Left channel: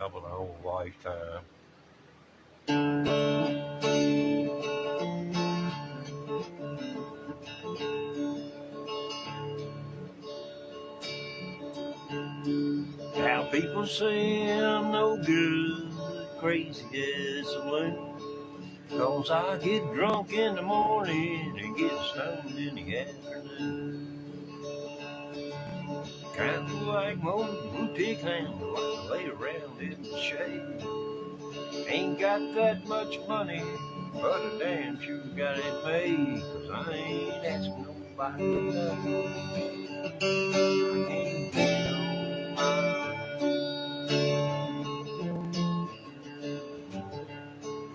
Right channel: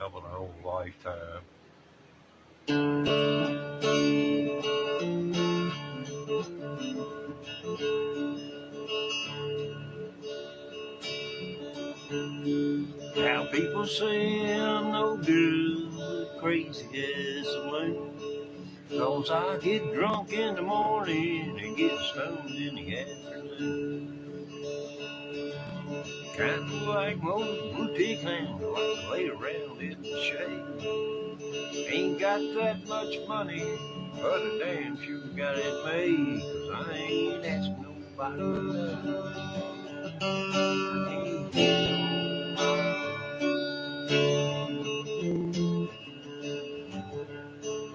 of an old lifetime. Now people say I'm no good, crazy as a loon, 'cause I get drunk in the morning and get stoned in the afternoon. Kinda like most boutique hounds, like to lay around in the shade. Ain't got that much money, but I damn sure got it made, 'cause I ain't asking nobody nothing. I can't get no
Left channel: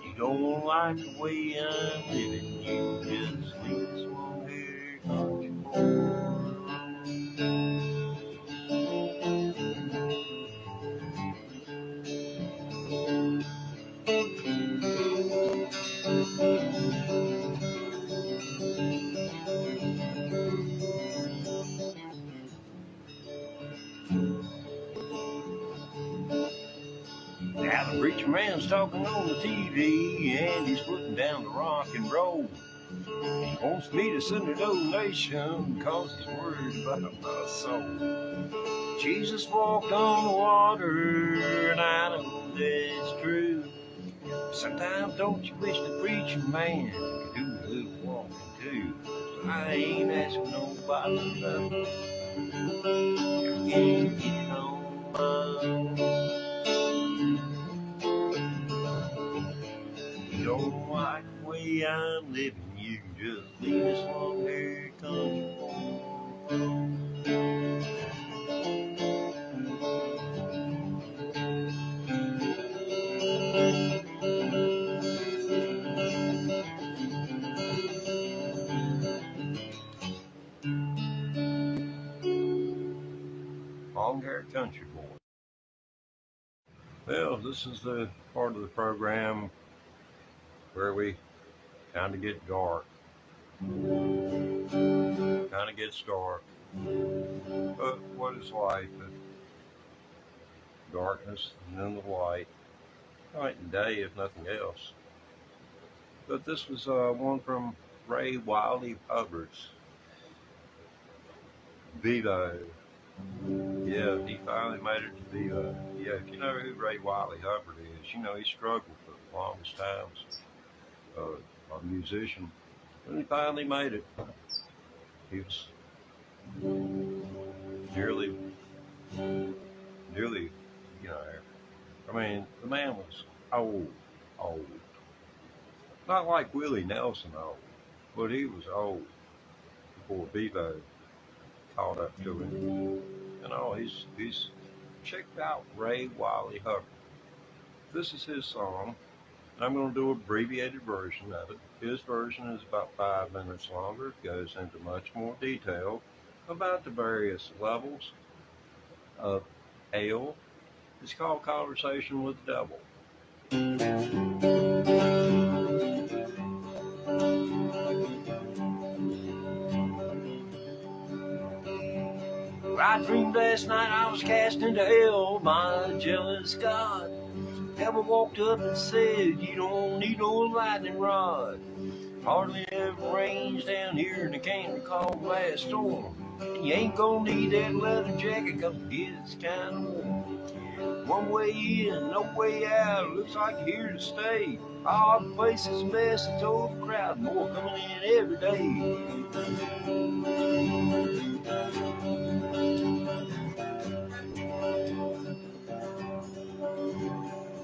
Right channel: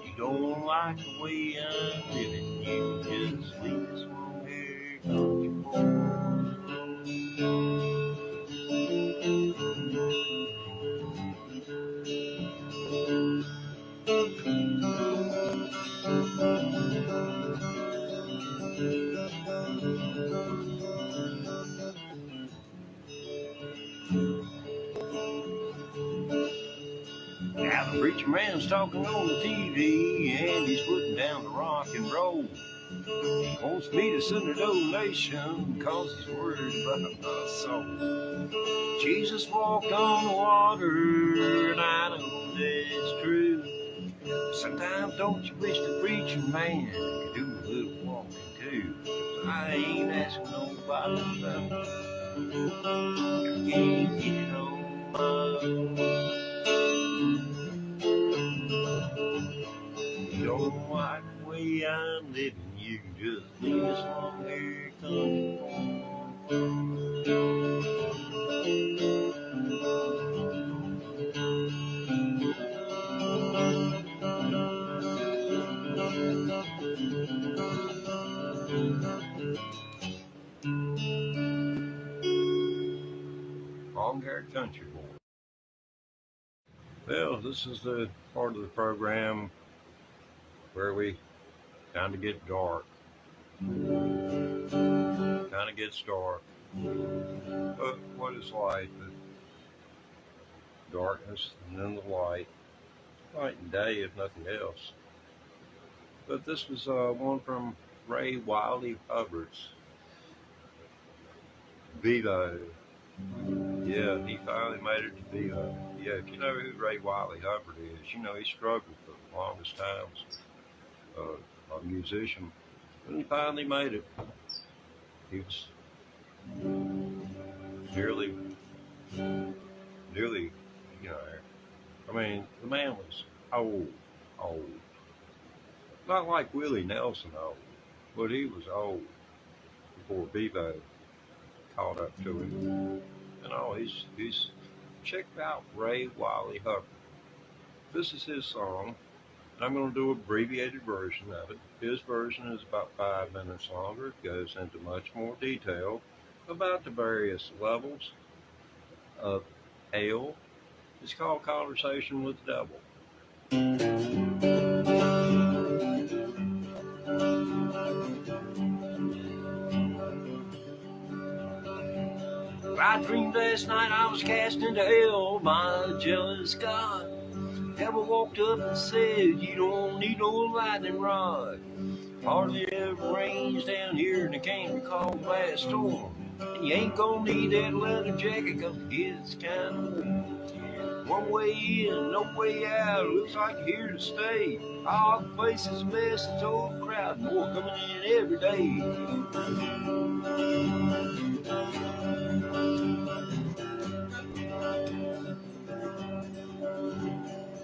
You don't like the way I'm living, you just leave this long hair country boy. Now the preacher man's talking on the TV and he's putting down the rock and roll. He wants me to send a donation 'cause he's worried about my soul. Jesus walked on the water and I know that's true. Sometimes don't you wish the preacher man could do a little walking too? I ain't asking nobody nothing. I can't get on my own. You don't like the way I'm living, you just leave this long hair country boy. Long-haired country boy. Well, this is the part of the program where we kind of get dark. Kind of gets dark. But what is life? Darkness and then the light. Night and day, if nothing else. But this was one from Ray Wiley Hubbard's VOODOO. Yeah, he finally made it to VOODOO. Yeah, if you know who Ray Wiley Hubbard is, you know he struggled for the longest times. A musician, and he finally made it. He was nearly, you know, I mean, the man was old. Not like Willie Nelson old, but he was old before VOODOO caught up to him. And he's checked out Ray Wiley Hubbard. This is his song. I'm going to do an abbreviated version of it. His version is about 5 minutes longer. It goes into much more detail about the various levels of hell. It's called Conversation with the Devil. I dreamed last night I was cast into hell by a jealous God. Devil walked up and said, you don't need no lightning rod. Hardly ever rains down here in the canyon called last storm. You ain't gonna need that leather jacket 'cause it gets kinda warm. One way in, no way out, looks like you're here to stay. All the place is a mess, it's overcrowded, more coming in every day.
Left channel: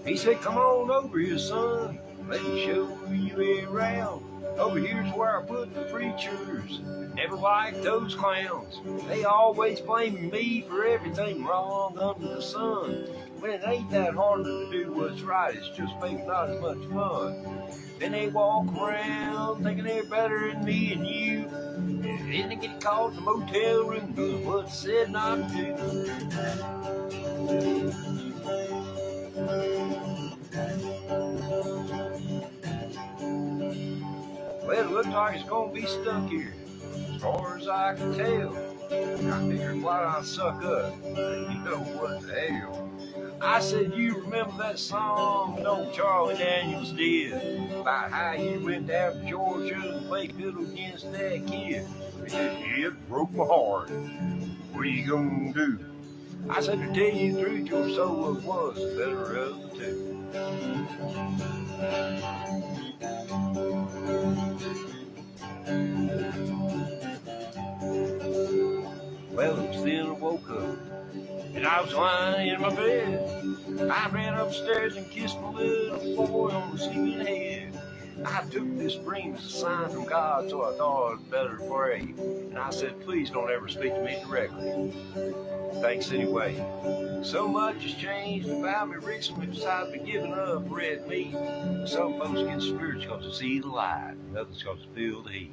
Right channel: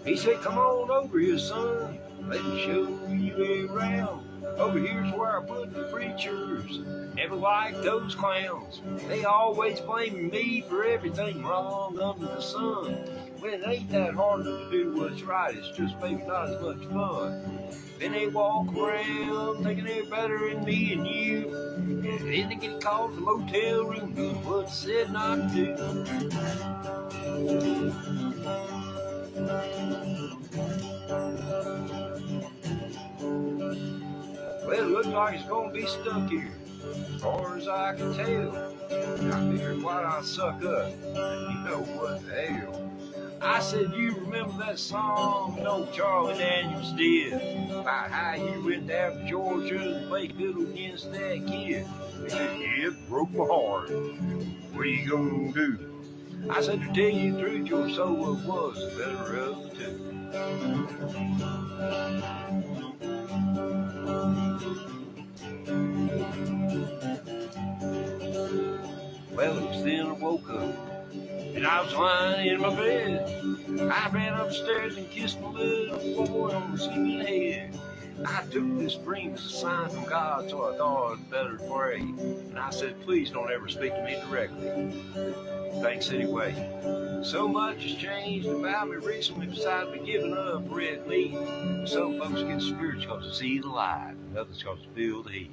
He said, come on over here, son, let me show you around. Over here's where I put the preachers. Never liked those clowns. They always blame me for everything wrong under the sun. When it ain't that hard to do what's right, it's just maybe not as much fun. Then they walk around thinking they're better than me and you. Then they get caught in the motel room doing what's said not to. Well, it looks like it's gonna be stuck here, as far as I can tell. Now here's why I suck up. You know what the hell? I said, you remember that song old Charlie Daniels did about how you went down to Georgia and played fiddle against that kid? It broke my heart. What are you gonna do? I said, to tell you the truth, your solo was the better of the two. Well, it was then I woke up, and I was lying in my bed. I ran upstairs and kissed my little boy on the skin head. I took this dream as a sign from God, so I thought I'd better pray. And I said, please don't ever speak to me directly. Thanks anyway. So much has changed about me recently besides me giving up red meat. Some folks get spiritual because they see the light, and others because they feel the heat.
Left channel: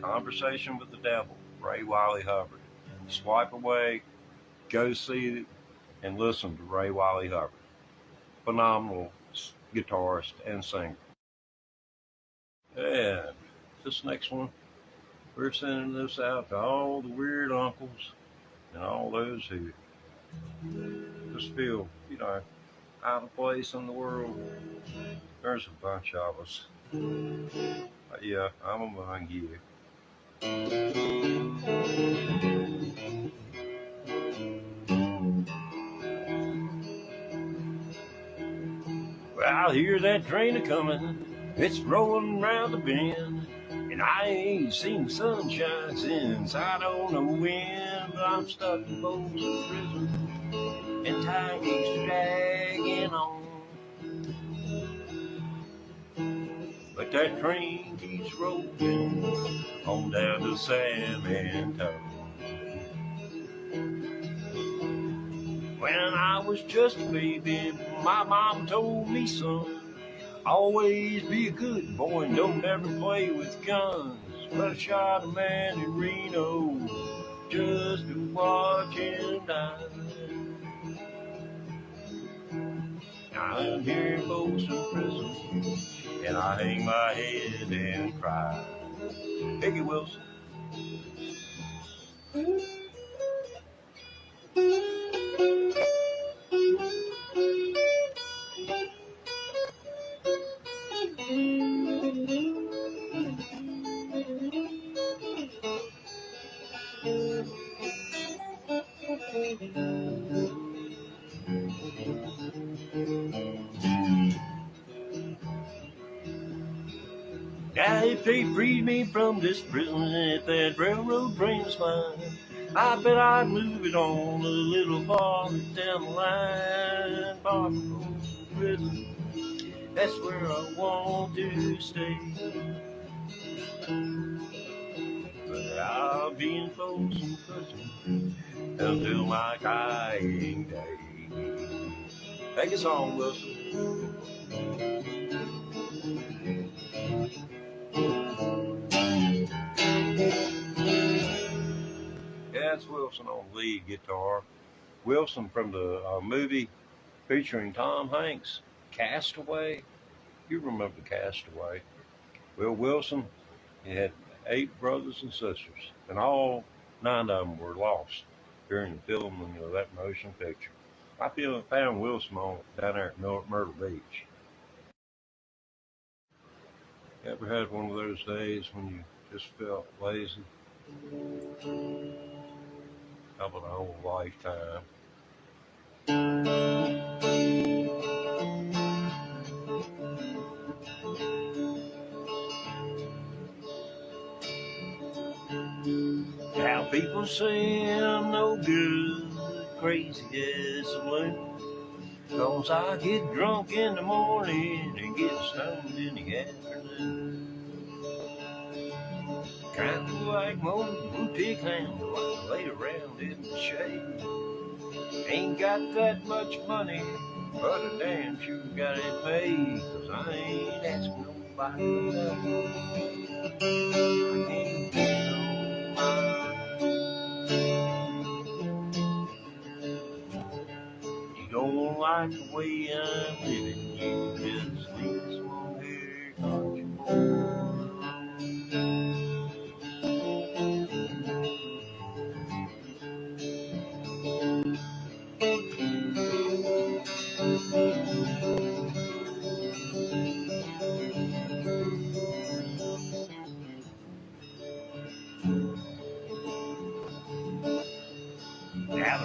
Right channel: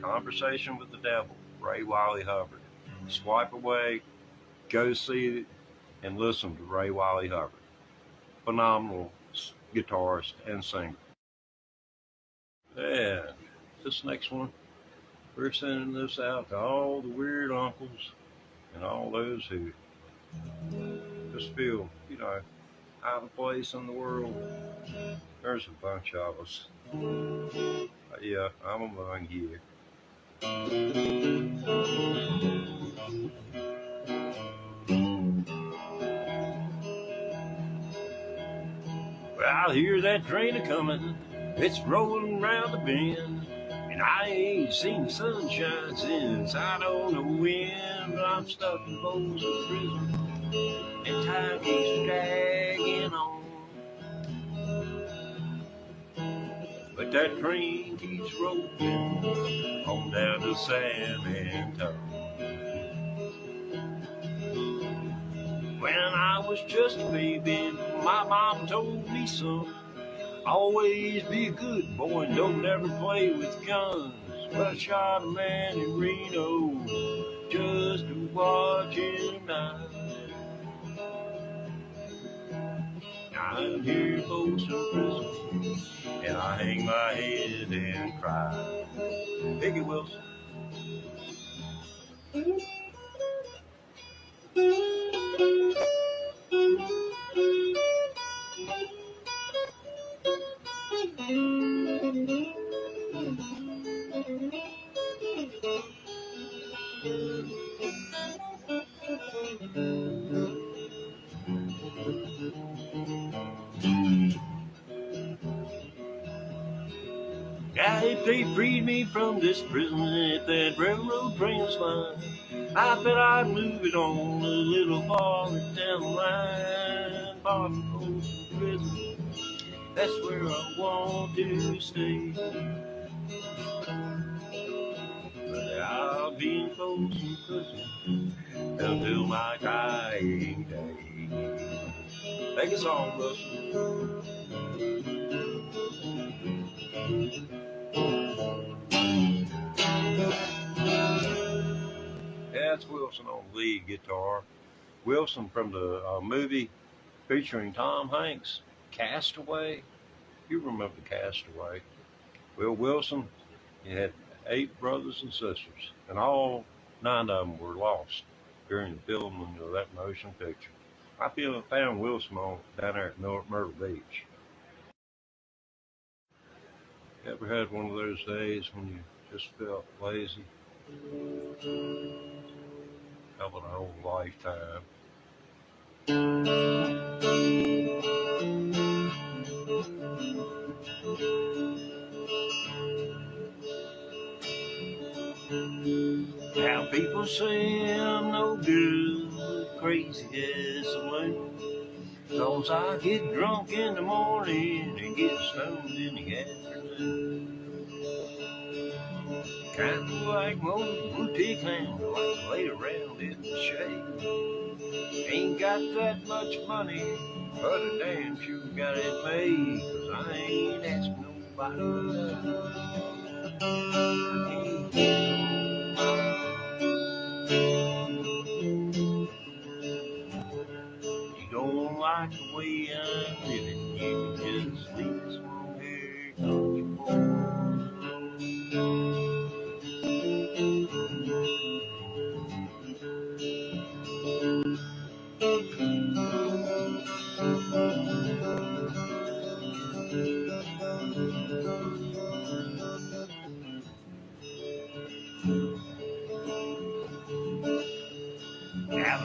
Conversation with the Devil, Ray Wiley Hubbard. Swipe away, go see it, and listen to Ray Wiley Hubbard. Phenomenal guitarist and singer. And this next one, we're sending this out to all the weird uncles and all those who just feel, out of place in the world. There's a bunch of us. But yeah, I'm among you. Well, I hear that train a-comin', it's rolling round the bend, and I ain't seen the sunshine since I don't know when, but I'm stuck in Folsom Prison, and time keeps dragging on. But that train keeps rolling on down to San Antonio. When I was just a baby, my mom told me, son, always be a good boy and don't ever play with guns. But I shot a man in Reno just to watch him die. I'm here in Folsom Prison, and I hang my head and cry. Peggy Wilson. Now, if they freed me from this prison, if that railroad train was fine, I bet I'd move it on a little farther down the line. Far from Folsom Prison, that's where I want to stay. But I'll be in Folsom Prison until my dying day. Take a song, Wilson. That's Wilson on lead guitar. Wilson from the movie featuring Tom Hanks, Castaway. You remember Castaway. Well, Wilson, he had 8 brothers and sisters, and all 9 of them were lost during the filming of that motion picture. I found Wilson down there at Myrtle Beach. Ever had one of those days when you just felt lazy? How about a whole lifetime? Now people say I'm no good, crazy as a loon. Cause I get drunk in the morning and get stoned in the afternoon. Kind of like most boutique hounds, like to lay around in the shade. Ain't got that much money, but I damn sure got it made. Cause I ain't asking nobody for nothing. I can't get you don't like the way I'm living, you just leave this one here, 'cause you're born.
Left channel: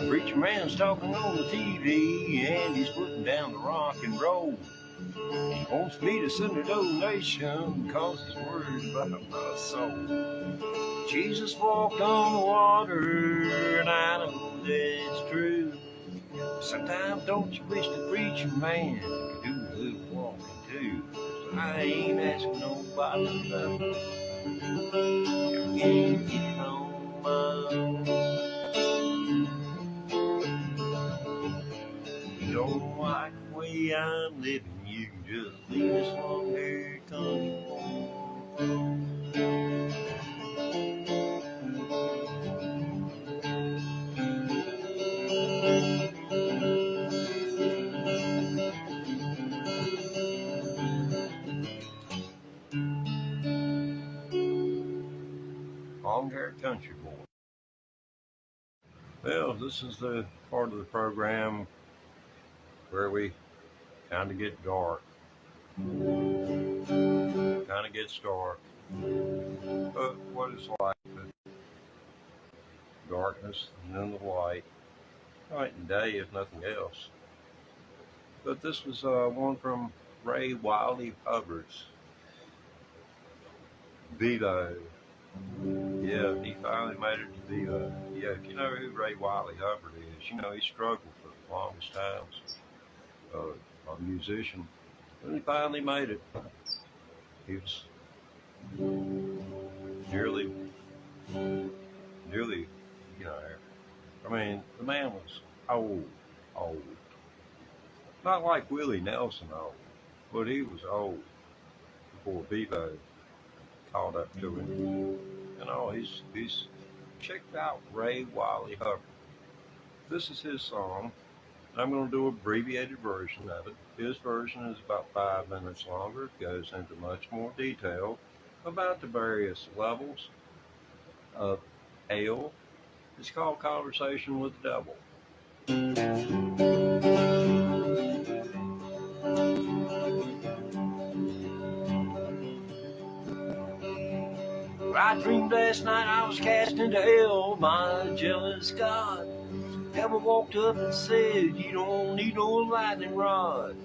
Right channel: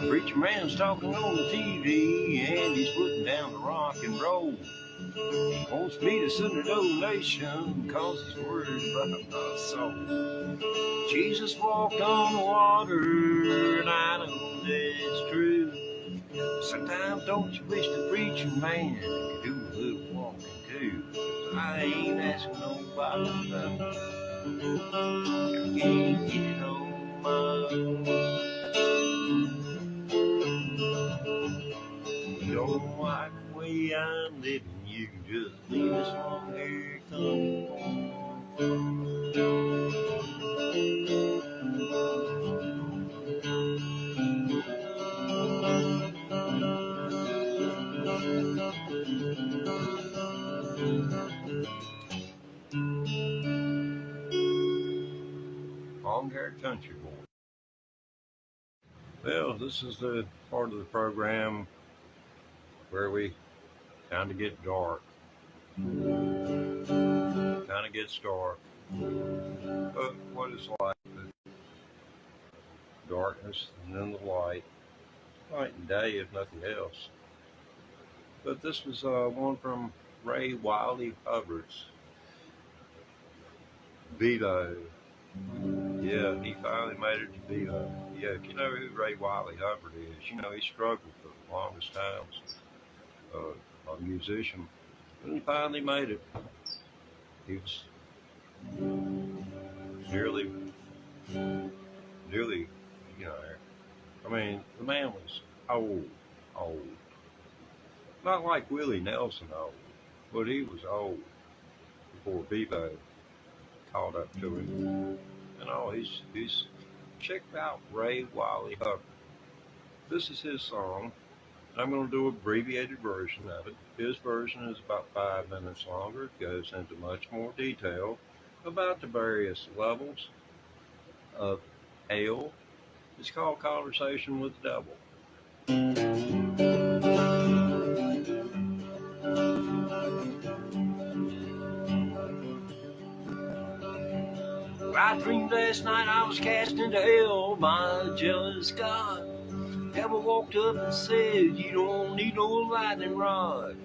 preacher man's talking on the TV, and he's putting down the rock and roll. He wants me to send a donation, cause he's worried about my soul. Jesus walked on the water, and I know that's true. Sometimes don't you wish the preacher man could do a little walking too? I ain't asking nobody nothing. I can't get on my own. You don't like the way I'm living, you can just leave us alone. Here it comes. Long-haired country boy. Well, this is the part of the program where we kind of get dark. Kind of gets dark. But what is like the darkness and then the light. Night and day if nothing else. But this was one from Ray Wiley Hubbard's VOODOO. Yeah, he finally made it to VOODOO. Yeah, if you know who Ray Wiley Hubbard is, you know he struggled for the longest time. A musician. And he finally made it. He was nearly, you know, I mean, the man was old. Not like Willie Nelson old, but he was old before VOODOO caught up to him. And all, he's checked out Ray Wiley Hubbard. This is his song. I'm going to do an abbreviated version of it. His version is about 5 minutes longer. It goes into much more detail about the various levels of hell. It's called Conversation with the Devil. I dreamed last night I was cast into hell by a jealous God. Devil walked up and said, you don't need no lightning rod.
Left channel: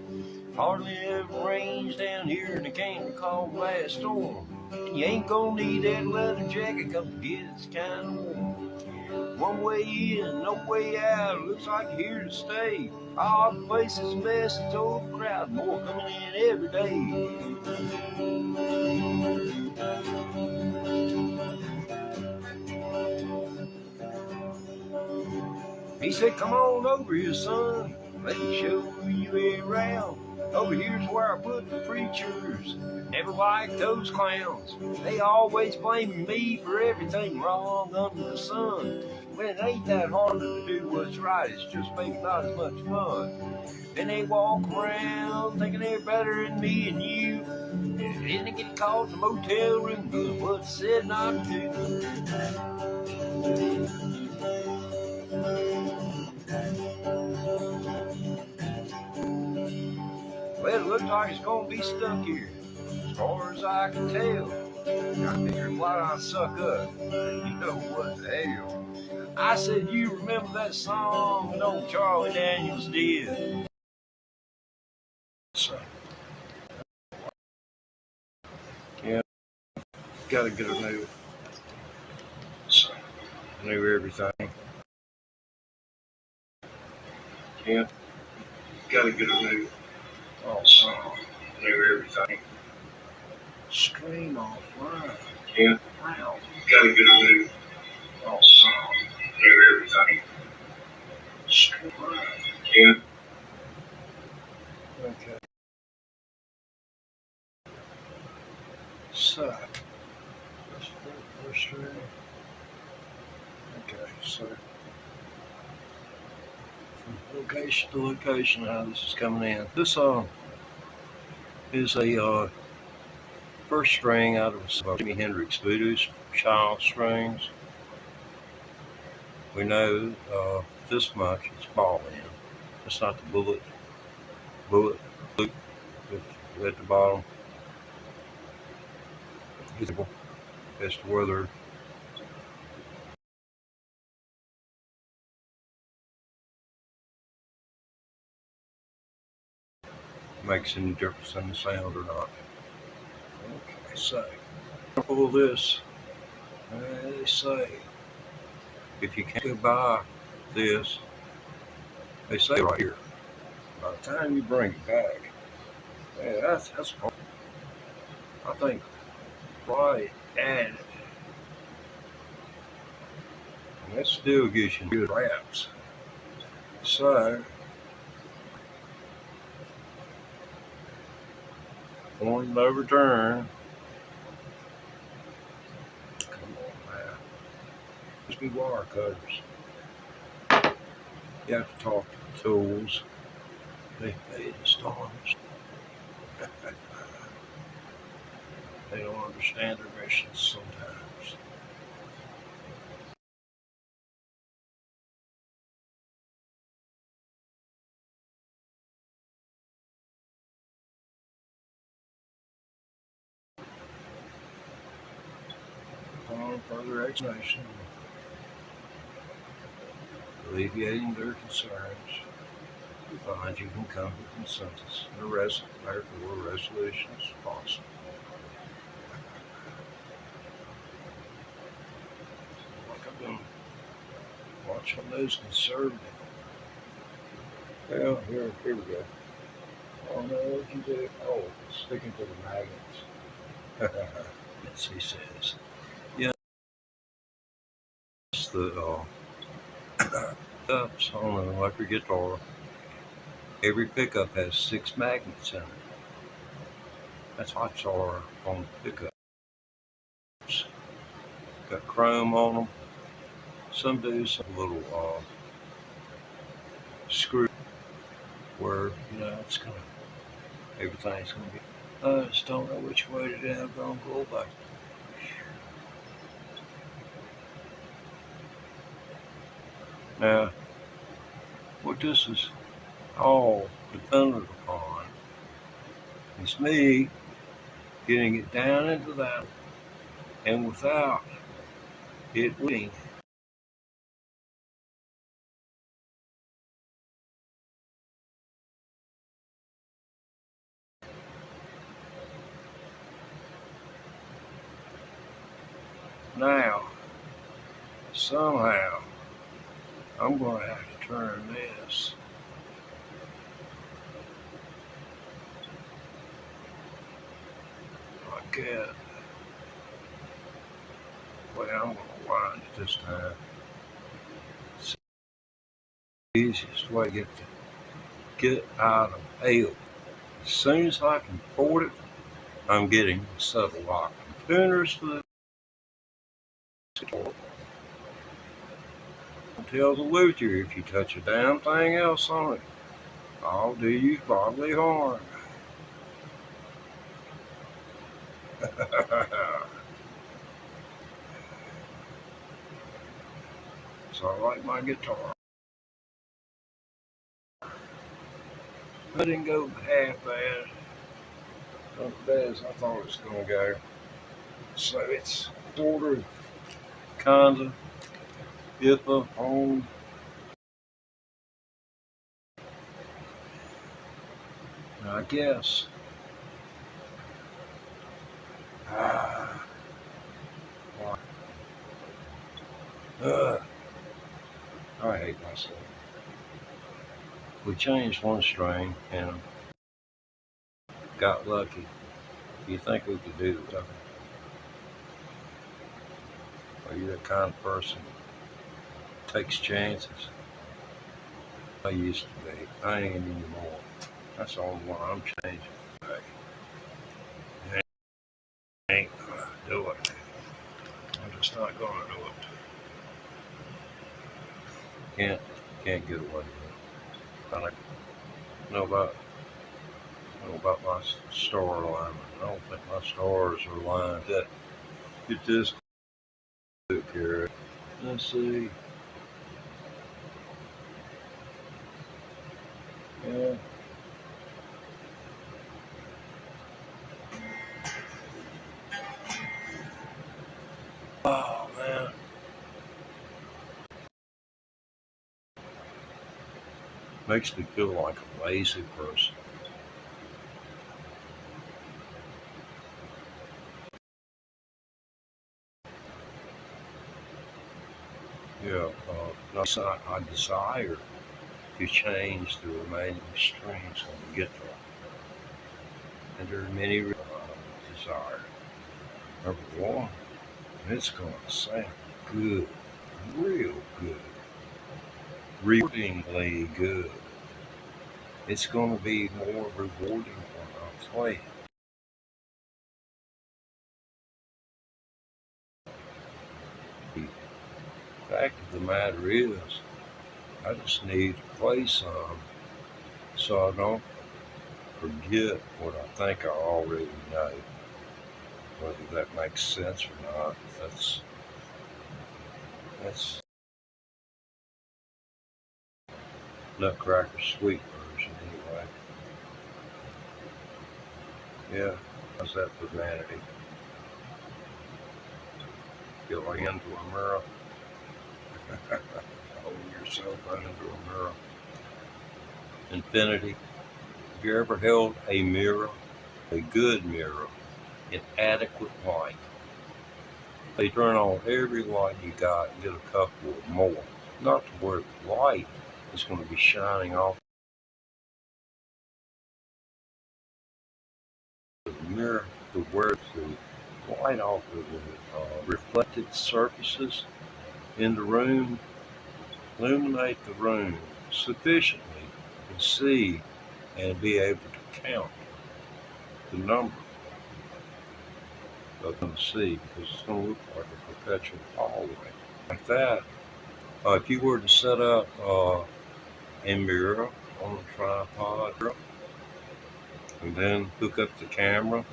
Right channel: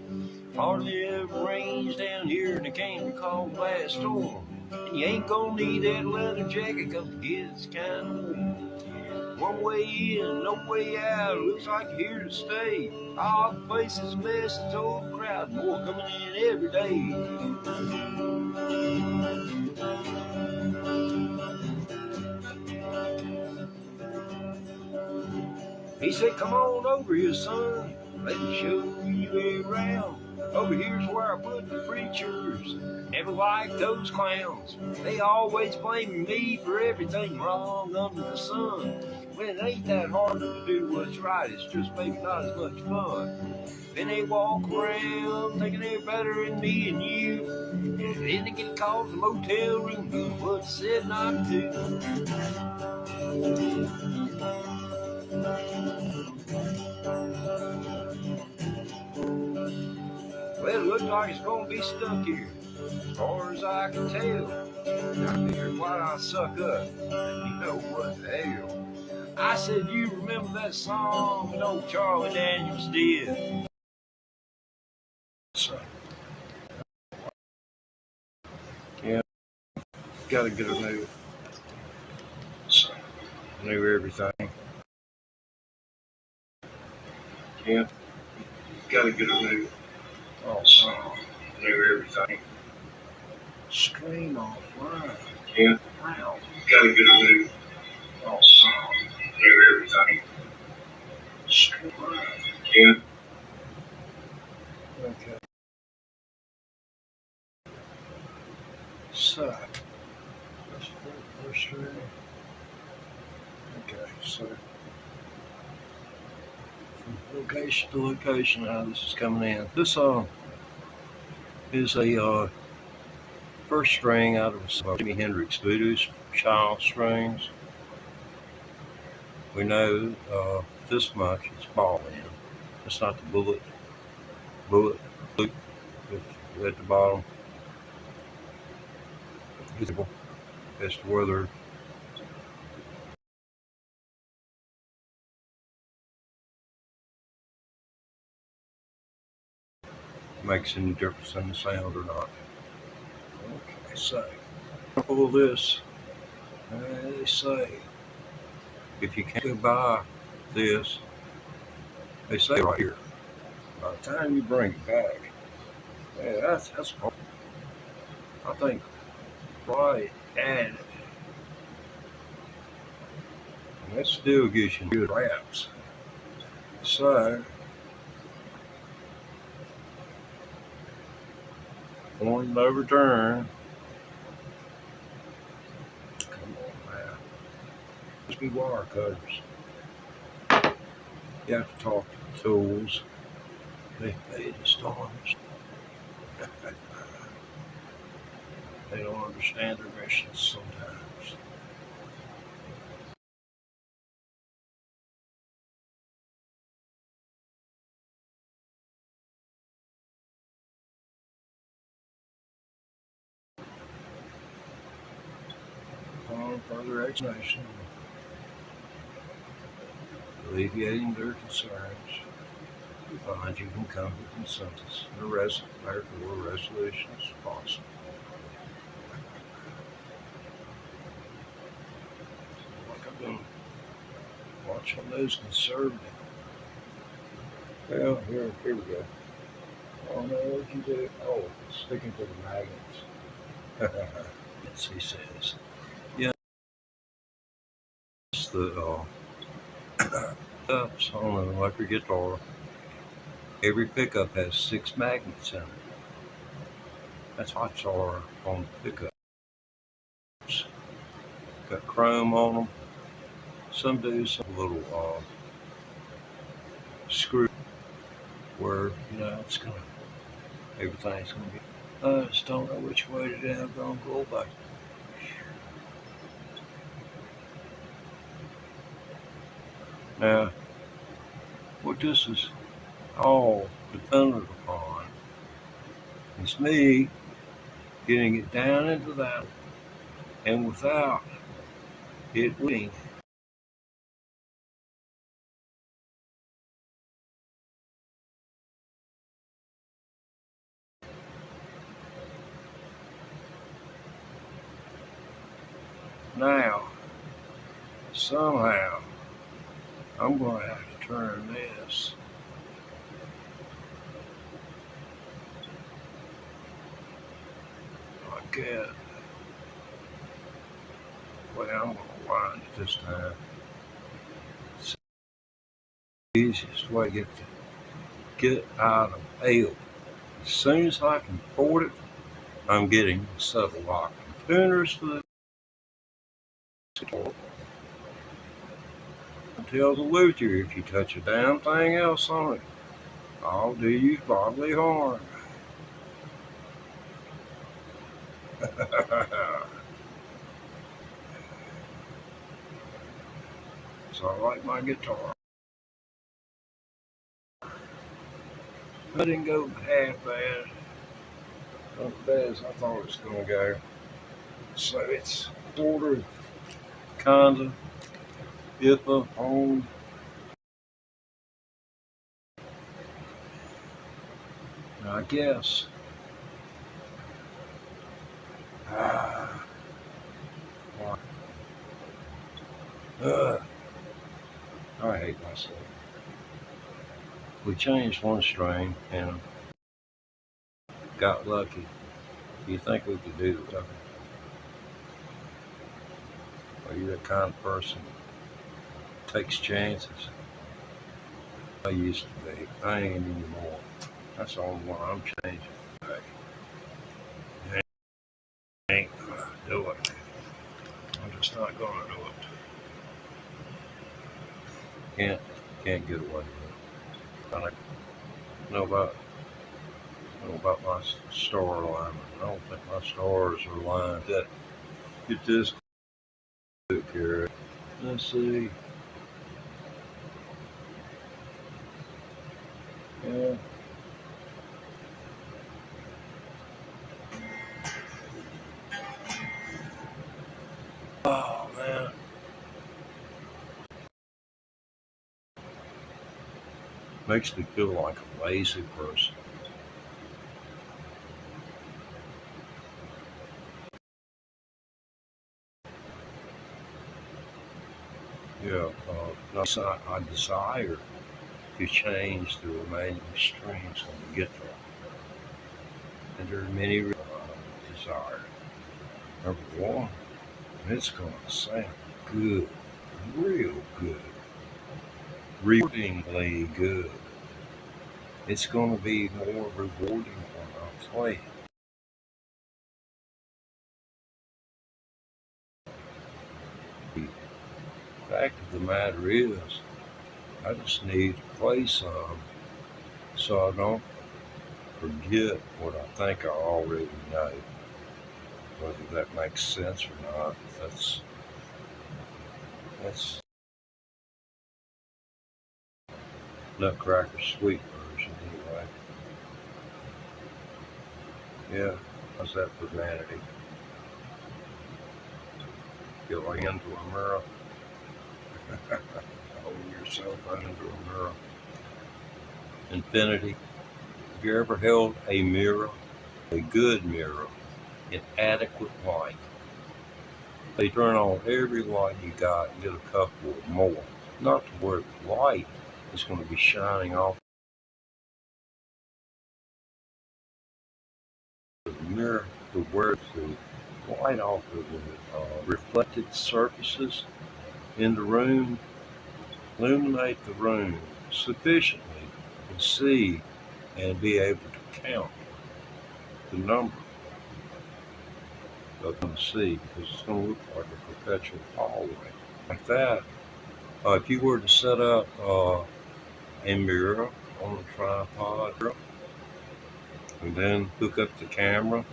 Hardly ever rains down here in a candy called Blast Storm. You ain't gonna need that leather jacket, cause it gets kinda warm. One way in, no way out, looks like you're here to stay. Our place is a mess, it's overcrowded, more coming in every day. He said, come on over here, son, let me show you around. Over here's where I put the preachers. Never liked those clowns. They always blame me for everything wrong under the sun. When it ain't that hard to do what's right, it's just maybe not as much fun. Then they walk around thinking they're better than me and you. Then they get called in the motel room doing what's said not to do. Well, it looks like it's gonna be stuck here, as far as I can tell. I figured, why not suck up? You know what the hell? I said, you remember that song that old Charlie Daniels did? Yeah, gotta get a new everything. Yeah, gotta get a new everything. Stream offline. Yeah, wow. Gotta get a new everything. Stream offline. Yeah. Okay. So, let's go for stream. Okay, so location to location, how this is coming in. This is a first string out of HENDRIX VOODOO's child strings. We know this much, it's ball end. It's not the bullet loop at the bottom. As to whether makes any difference in the sound or not. They say, pull this, they say, if you can't buy this, they say right here, by the time you bring it back, yeah, that's I think right at it. And it still gives you good wraps. So, one overturn. Come on now. Must be wire cutters. You have to talk to the tools. They pay the storms. They don't understand their missions sometimes. Upon further explanation, alleviating their concerns, we find you can come to consensus and therefore resolutions possible. Like I've been watching those conservative. Well, here we go. I don't know what you do. Oh, sticking to the magnets. As he says. Yeah, it's the ups on an electric guitar. Every pickup has 6 magnets in it. That's hot tar on the pickups. Got chrome on them. Some do some little screw where it's gonna, everything's gonna be. I just don't know which way to do. I'm gonna go back. Now, what this is all dependent upon is me getting it down into that, and without it leaking. Now, somehow, I'm going to have to turn this like that. Well, I'm going to wind it this time. It's the easiest way to get out of hell. As soon as I can afford it, I'm getting a set of lock and tuners for the tell the Luther, if you touch a damn thing else on it, I'll do you bodily harm. So I like my guitar. I didn't go half bad. Not as bad as I thought it was going to go. So it's sort of, kind of, iffy on. Now I guess. I hate myself. We changed one string and got lucky. You think we could do something? Are you that kind of person that takes chances? I used to be. I ain't anymore. That's the only one I'm changing. I ain't gonna do it. I'm just not gonna do it. Can't get away with it. I know about my star alignment. I don't think my stars are aligned. Get this here. Let's see. Yeah. Oh man. Makes me feel like a lazy person. I desire to change the remaining strings on the guitar. And there are many reasons I desire. Number one, it's going to sound good, real good, rewardingly good. It's going to be more rewarding when I play it. The fact of the matter is, I just need to play some so I don't forget what I think I already know. Whether that makes sense or not, that's Nutcracker Sweet version anyway. Yeah, how's that for vanity? Get your hand to a mirror. Hold yourself into a mirror. Infinity. Have you ever held a mirror, a good mirror, in adequate light? They turn on every light you got and get a couple more. Not to where the light is going to be shining off the mirror, to where the light off of the reflected surfaces in the room illuminate the room sufficiently to see and be able to count the number of them to see, because it's going to look like a perpetual hallway. Like that, if you were to set up a mirror on a tripod and then hook up the camera,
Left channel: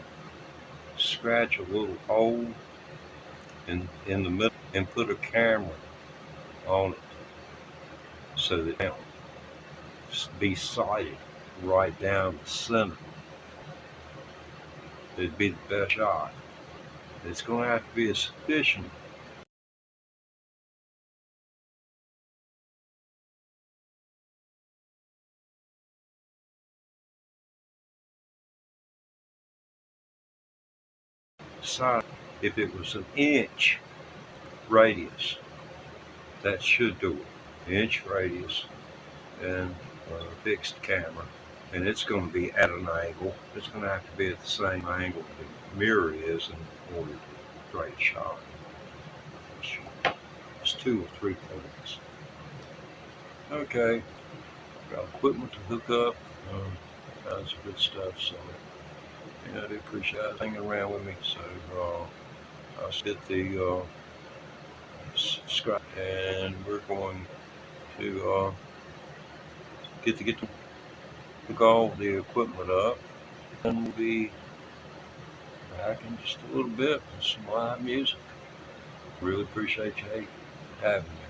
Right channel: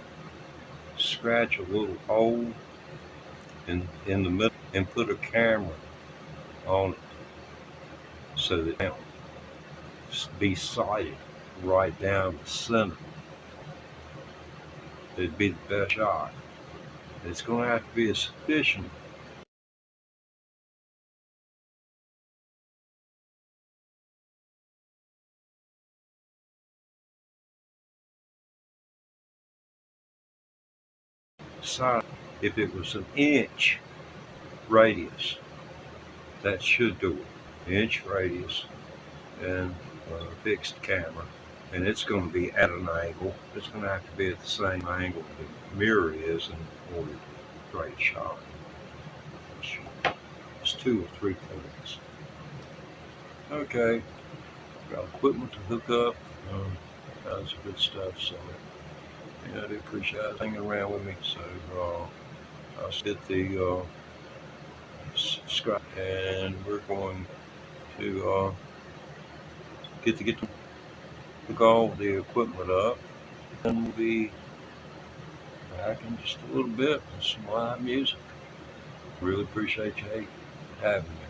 scratch a little hole in the middle and put a camera on it so that it can be sighted right down the center. It'd be the best shot. It's going to have to be a sufficient size. If it was an inch radius, that should do it. Inch radius and a fixed camera. And it's going to be at an angle. It's going to have to be at the same angle the mirror is in order to create a shot. It's 2 or 3 points. Okay, got equipment to hook up. That's good stuff. So yeah, I do appreciate it hanging around with me. So I'll get the scrap, and we're going to get to hook all the equipment up, and we'll be back in just a little bit with some live music. Really appreciate you having me.